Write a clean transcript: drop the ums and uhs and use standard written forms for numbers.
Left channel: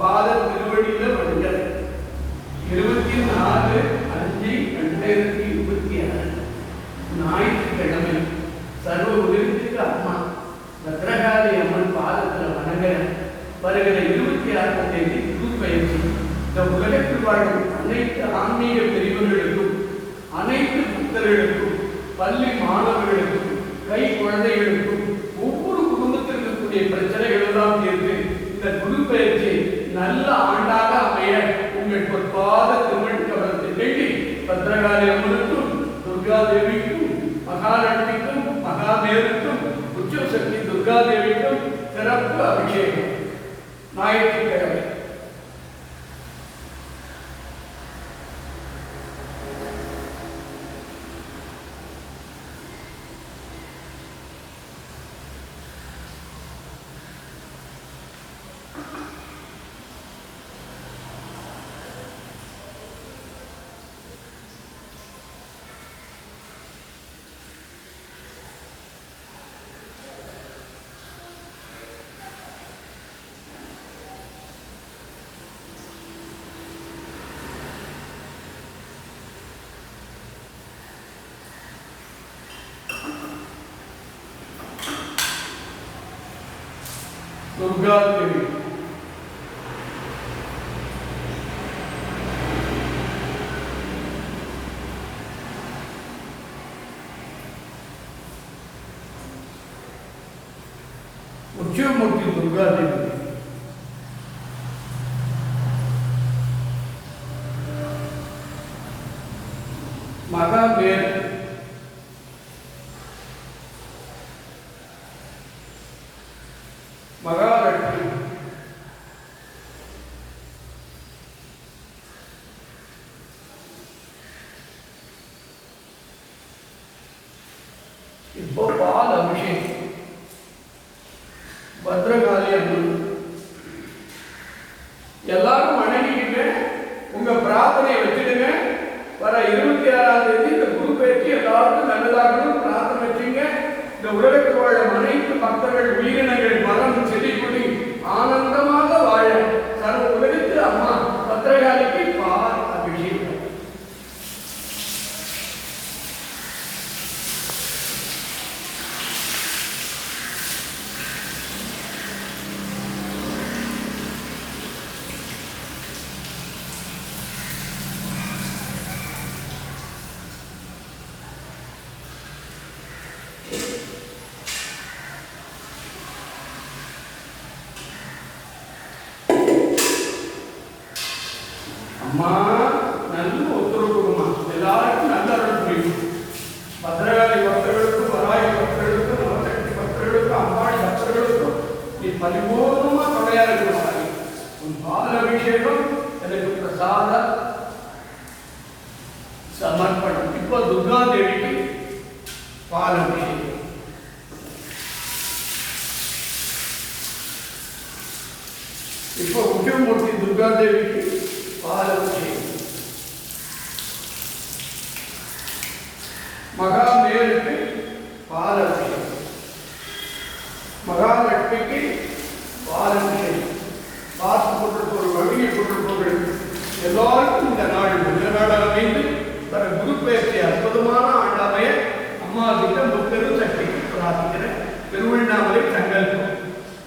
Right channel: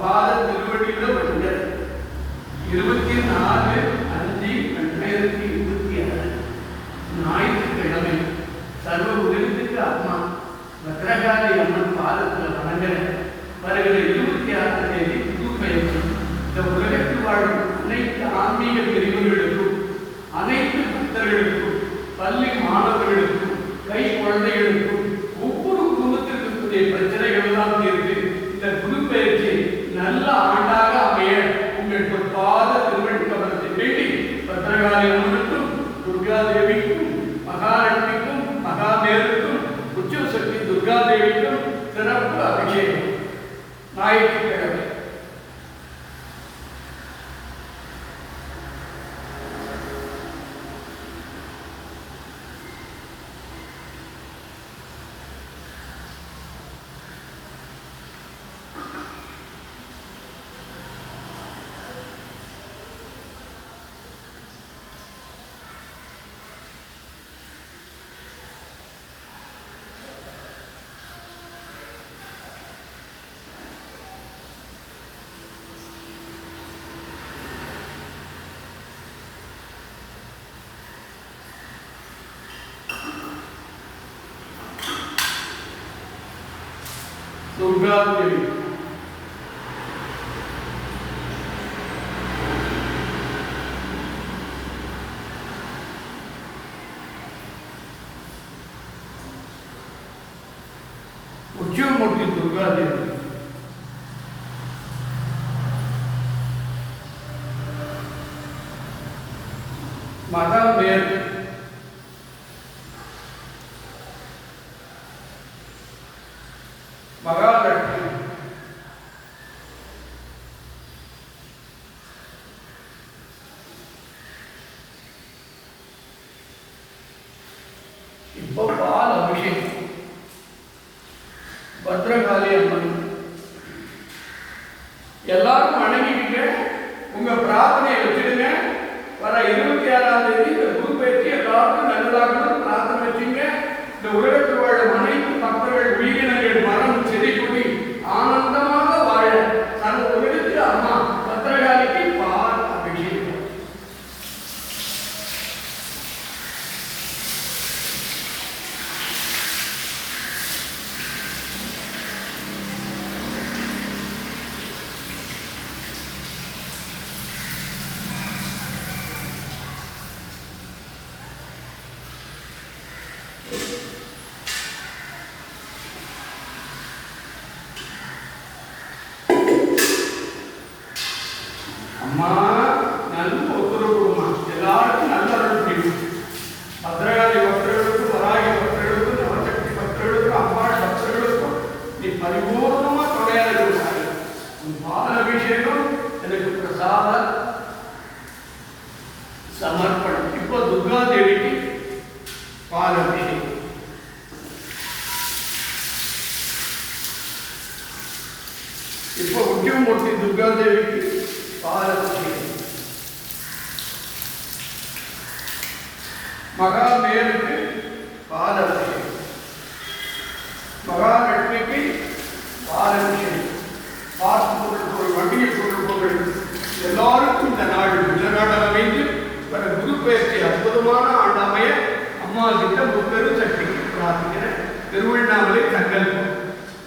பாத திருவடியில் வருகிறது 24/5/2026 ஞாயிற்றுக்கிழமை சர்வ உலகத்துக்கு அம்மா பத்ரகாளி அம்மன் பாதத்தில் வணங்குற வருகிற 26ஆம் தேதி புது பயிற்சி இந்த உலகத்தில் வாழும் அனைத்து ஆன்மீக பிரிவுகளுக்கும் அனைத்து பக்தர்களுக்கும் பள்ளி மாணவர்களுக்கும் கை குழந்தைகளுக்கும் ஒவ்வொரு குடும்பத்திற்கும் கூடிய பிரச்சனைகள் எல்லாம் தீர்த்து இந்த குரு பயிற்சி நல்ல ஆண்டாக அமைய உங்கள் பொற்பாத திருவடிக்கவரத்தை வேண்டி பத்ரகாளி அம்மனுக்கும் துர்கா தேவிக்கும் மகாலட்சுமிக்கும் மகாமேருக்கும் உச்சசக்தி துர்கா தேவிக்கும் சிறப்பு அபிஷேகம் ஞாயிற்றுக்கிழமை. दुर्गा देवी उच्चमूर्ति दुर्गा देवी महामेर மகாலட்சுமி இப்போ பால் அபிஷேகம் பத்ரகாளி அம்மன் எல்லாரும் வணங்கிக்கிங்க உங்க பிரார்த்தனையை வச்சிடுங்க. வர 26ஆம் தேதி இந்த குரு பயிற்சி எல்லாருக்கும் நல்லதாகணும் பிரார்த்தனை வச்சுங்க. இந்த உலகத்தில் வாழும் அனைத்து பக்தர்கள் உயிரினங்கள் மரம் செடி கொடி ஆனந்தமாக வாழ சர்வ உலகத்தில் அம்மா பத்ரகாளிக்கு பால் அபிஷேகம். அம்மா நல்ல ஒத்துழைப்பு கொடுமா, எல்லாருக்கும் நல்ல அருள் புரியும். பத்ரகாளி பக்தர்களுக்கும் பராகி பக்தர்களுக்கும் நவசக்தி பக்தர்களுக்கும் அம்மாள் பக்தர்களுக்கும் நீ பரிபூர்ணமா கொடையாக இருக்கிறாய். உன் பால் அபிஷேகம் எனக்கு பிரசாத சமர்ப்பணம். இப்போ துர்கா தேவிக்கு பால் அபிஷேகம். இப்போ உச்சமூர்த்தி துர்கா தேவிக்கு பால் அபிஷேகம். மகாமேருக்கு பால்